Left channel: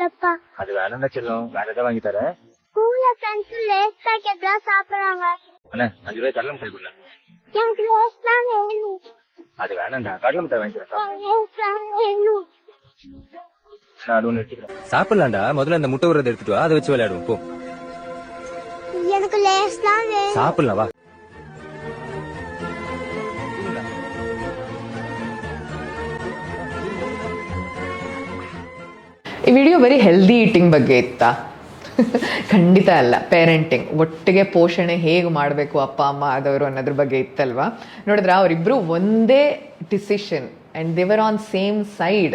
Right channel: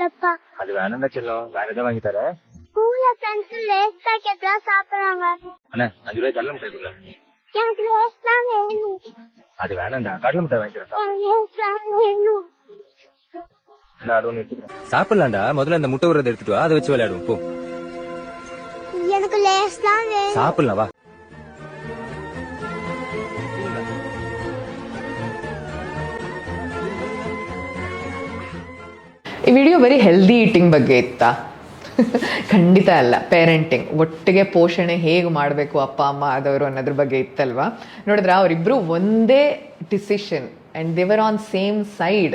ஸ்கூலப்பா அது வேணும்னா செல்லும் வேற எதாவது வாங்கி தரேன். ஸ்கூல்ல வந்து லேஸ் பாக்கெட் தான் சாப்பிடுறாங்க. அண்ணா 5 ரூபாய் கடலை மிட்டாய் கொடுங்க. எனக்கு லேஸ் தான் வேணும். அது வேணாம்டா கடலை மிட்டாய் வாங்கி தரேன். லேஸ் தான் வேணும். நான் ஒன்று எடுத்துக்கிறேன். சாப்பிடலாம்டா, முதல்ல அந்த முட்டை உரத்தை எடுத்துட்டு வா, அதை வச்சு விளையாடுவோம் போ. எனக்கு லேஸ் தான் வேணும். சாப்பிடலாம் வா. ಈ ವಿಡಿಯೋ ಬರೀ ಹೆಲ್ದಿ ಈಟಿಂಗ್ ಬಗ್ಗೆ ಇತ್ತಾ? ಖಂಡಿತ ಅಲ್ಲ. ಪೇರೆಂಟಿಂಗ್, ಒಟ್ಟಿಗೆ ಪೋಷಣೆ ಹೇಗೆ ಮಾಡಬೇಕು ಅಪ್ಪ ಅಮ್ಮ ಆದವರು ಅನ್ನೋದ್ರ ಬಗ್ಗೆ ಇತ್ತಲ್ವಾ. ನೋಡಿದ್ರೆ ಅವರಿಬ್ಬರು ಒಂದೇ ಡಿಸಿಷನ್ ಆ್ಯಂಡ್ ದೇವರ್ ಆನ್ ಸೇಮ್ ಸೈಡ್.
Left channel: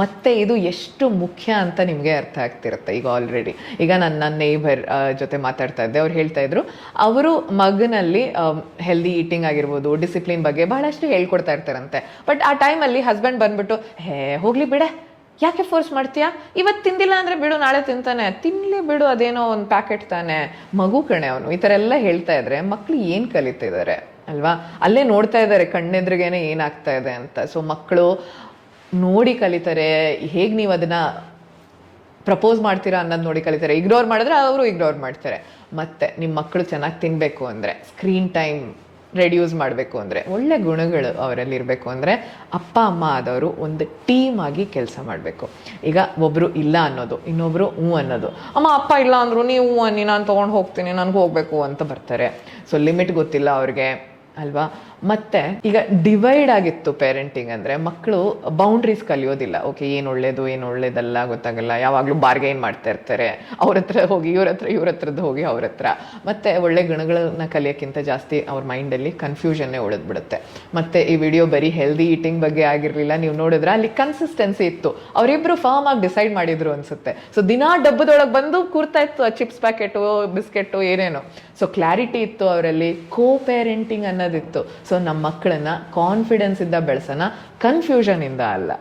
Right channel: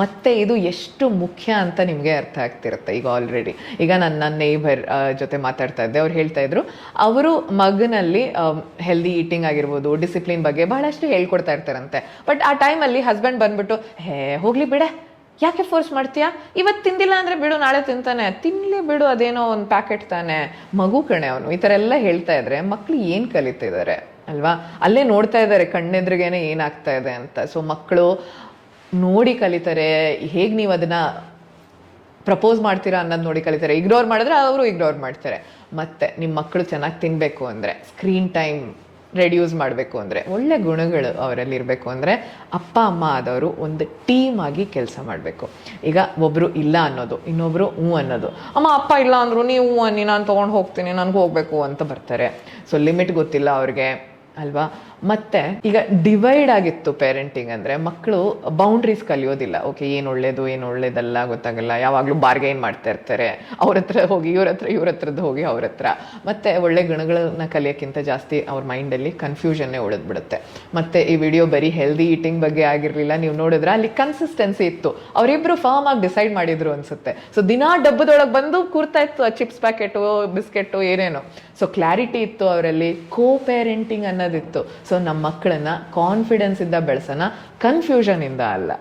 ಮತ್ತು ಇದು ಎಷ್ಟು ಮುಖ್ಯ ಅಂತ ನಿಮಗೆ ಅರ್ಥ ಆಗ್ತಿರುತ್ತೆ. ಈಗ ಆಲ್ರೆಡಿ ಈಗ ನನ್ನ ನೇಬರ್ ಜೊತೆ ಮಾತಾಡ್ತಾ ಇದ್ದೆ, ಅವ್ರು ಹೇಳ್ತಾ ಇದ್ರು ಅವರು ಮಗನಲ್ಲಿ ಹೆಲ್ದಿ ಈಟಿಂಗ್ ಆಗಿರ್ಬೋದು, ಡಿಸಿಪ್ಲಿನ್ ಬಗ್ಗೆ ಬಹಳಷ್ಟು ಹೇಳ್ಕೊಡ್ತಾ ಇರ್ತಾರಂತೆ. ಬಟ್ ಆ ಟೈಮಲ್ಲಿ ಹಸ್ಬೆಂಡ್ ಬಂದ್ಬಿಟ್ಟು ಹೋಗ್ಲಿ ಬಿಡೆ, ಯಾಕೆ ಫೋರ್ಸ್ ಮಾಡ್ತೀಯಾ, ಇವತ್ತು ತಿಂದಿಲ್ಲ ಅಂದರೆ ಬಿಡು, ನಾಳೆ ತಿಂತಾನೆ, ತಿನ್ನಲಿ ಬಿಡು, ಅದೇನೋ ಒಂದು ಪ್ಯಾಕೆಟ್ ತಾನೆ, ಮಗು ಕಣೆ ಅವನು, ಈ ಥರ ಎಲ್ಲ ಹೇಳ್ತಾ ಇದ್ರೆ ಮಕ್ಕಳು ಏನು ಕಲಿತಿದ್ದಾರೆ ಅಲ್ವಾ. ಅಲ್ಲೇ ನೋಡ್ತಾ ಇದ್ದಾರೆ ಕಣ್ಣೆದ್ರಿಗೇನೆ ಏನಾಗ್ತಾ ಇದೆ ಅಂತ. ಸೊ ಮಕ್ಕಳು ನೋಡಿ ಕಲಿತಾರೆ. ಹೇಗೆ ನೀವು ಅದನ್ನ ಪ್ರಪೋಸ್ ಮಾಡ್ತೀರಾ ಅನ್ನೋದು ನೋಡಿ ಕಲಿತಾರೆ. ಇಗ್ನೋರ್ ಮಾಡಿದ್ರೆ ಅವರು ಇಗ್ನೋರ್ ಮಾಡ್ತಾರೆ. ಮತ್ತೆ ನಿಮ್ಮ ಮಕ್ಕಳು ಚೆನ್ನಾಗಿ ತಿನ್ನಬೇಕು ಅಂದರೆ, ಸ್ಕ್ರೀನ್ ಟೈಮ್ ರೆಡ್ಯೂಸ್ ಮಾಡಬೇಕು ಅಂದರೆ, ಒಳ್ಳೆ ಗುಣಗಳು ಅವರಲ್ಲಿ ಇರಬೇಕು ಅಂದರೆ ಅಪ್ಪ ಅಮ್ಮ ಆದವರು ಒಂದು ಟೀಮ್ ಆಗಿ ಕೆಲಸ ಮಾಡಬೇಕು. ಈಗ ಒಬ್ಬರು ಇಲ್ಲ ಅನ್ನೋದು, ಇನ್ನೊಬ್ಬರು ಹ್ಞೂ ಅನ್ನೋದು. ಅಮ್ಮ ಅಪ್ಪ ಇಲ್ಲ ಅಂದರು, ನೀವು ಹ್ಞೂ ಅನ್ನಿ, ನಾನು ತೊಗೊಂಡು ಹೋಗ್ತೀನಿ, ನನಗೆ ಹೋಗಬೇಕು ಅಂತ ಬರ್ತಾರೆ. ಸೊ ಲಿಮಿಟ್ ಗೊತ್ತಿಲ್ಲ ಅವ್ರಿಗೆ ಅಲ್ವಾ. ಮತ್ತು ಈಗ ಡಿವೈಡ್ ಆಗಿತ್ತು ಪೇರೆಂಟಿಂಗ್ ಅಂದರೆ, ಮಕ್ಕಳು ಬೌಂಡ್ರೀಸ್ ಕಲಿಯೋದಿಲ್ಲ. ಓಕೆ, ಏನು ಒಳ್ಳೇದು ಏನು ಒಳ್ಳೇದಲ್ಲ ಗೊತ್ತಾಗಲ್ಲ. ಯಾವಾಗಲೂ ಬಾರ್ಗೈನ್ ಮಾಡ್ತಾ ಇರ್ತಾರೆ, ಅವ್ರ ಹತ್ರ ಹೋಗಿ ಇವ್ರ ಹತ್ರ, ಇವ್ರ ಹತ್ರದ್ದು ಹೋಗಿ ಅವ್ರ ಹತ್ರ. ಮತ್ತು ಒಳ್ಳೆ ಗುಣಗಳನ್ನ ಕಲಿಯೋಕ್ಕಿಂತ ಜಾಸ್ತಿ ಅವ್ರ ಮೈಂಡಲ್ಲಿ ಕನ್ಫ್ಯೂಷನ್ನೇ ಉಳಿದ್ಬಿಡುತ್ತೆ. ಮತ್ತು ಈ ವಿಡಿಯೋ ಬರೀ ಹೆಲ್ದಿ ಈಟಿಂಗ್ ಬಗ್ಗೆ ಆಗಿರಲಿಲ್ಲ. ನೀವು ನೋಡಿದ್ರೆ ಅಲ್ಲಿ ಕನ್ಸಿಸ್ಟೆನ್ಸಿ ಇತ್ತು. ಅವರಿಬ್ಬರು ಫಾರ್ಮ್ ಆಗಿ ಡಿಸೈಡ್ ಮಾಡಿದ್ರು ಅನ್ಸುತ್ತೆ. ಸೊ ದಿನಾ ಡಬ್ಬದೊಳಗೆ ಬಂದು ಕೂರ್ತಾ ಇತ್ತು ಆ ಚಿಪ್ಸ್ ಪ್ಯಾಕೆಟು, ಬಿಸ್ಕೆಟು, ಏನೇನು. ಸೊ ಕ್ಲಾರಿಟಿ ಇತ್ತು ಅವರಲ್ಲಿ, ಕೋ ಪೇರೆಂಟಿಂಗ್ ಅನ್ನೋದಿತ್ತು. ಸೊ ನಮ್ಮ ಮಕ್ಕಳನ್ನ ಕಾನ್ಫಿಡೆನ್ಸ್ ಇಂದ ಬೆಳೆಸೋಣ, ಕನ್ಫ್ಯೂಷನ್ ಇಂದ ಅಲ್ಲ.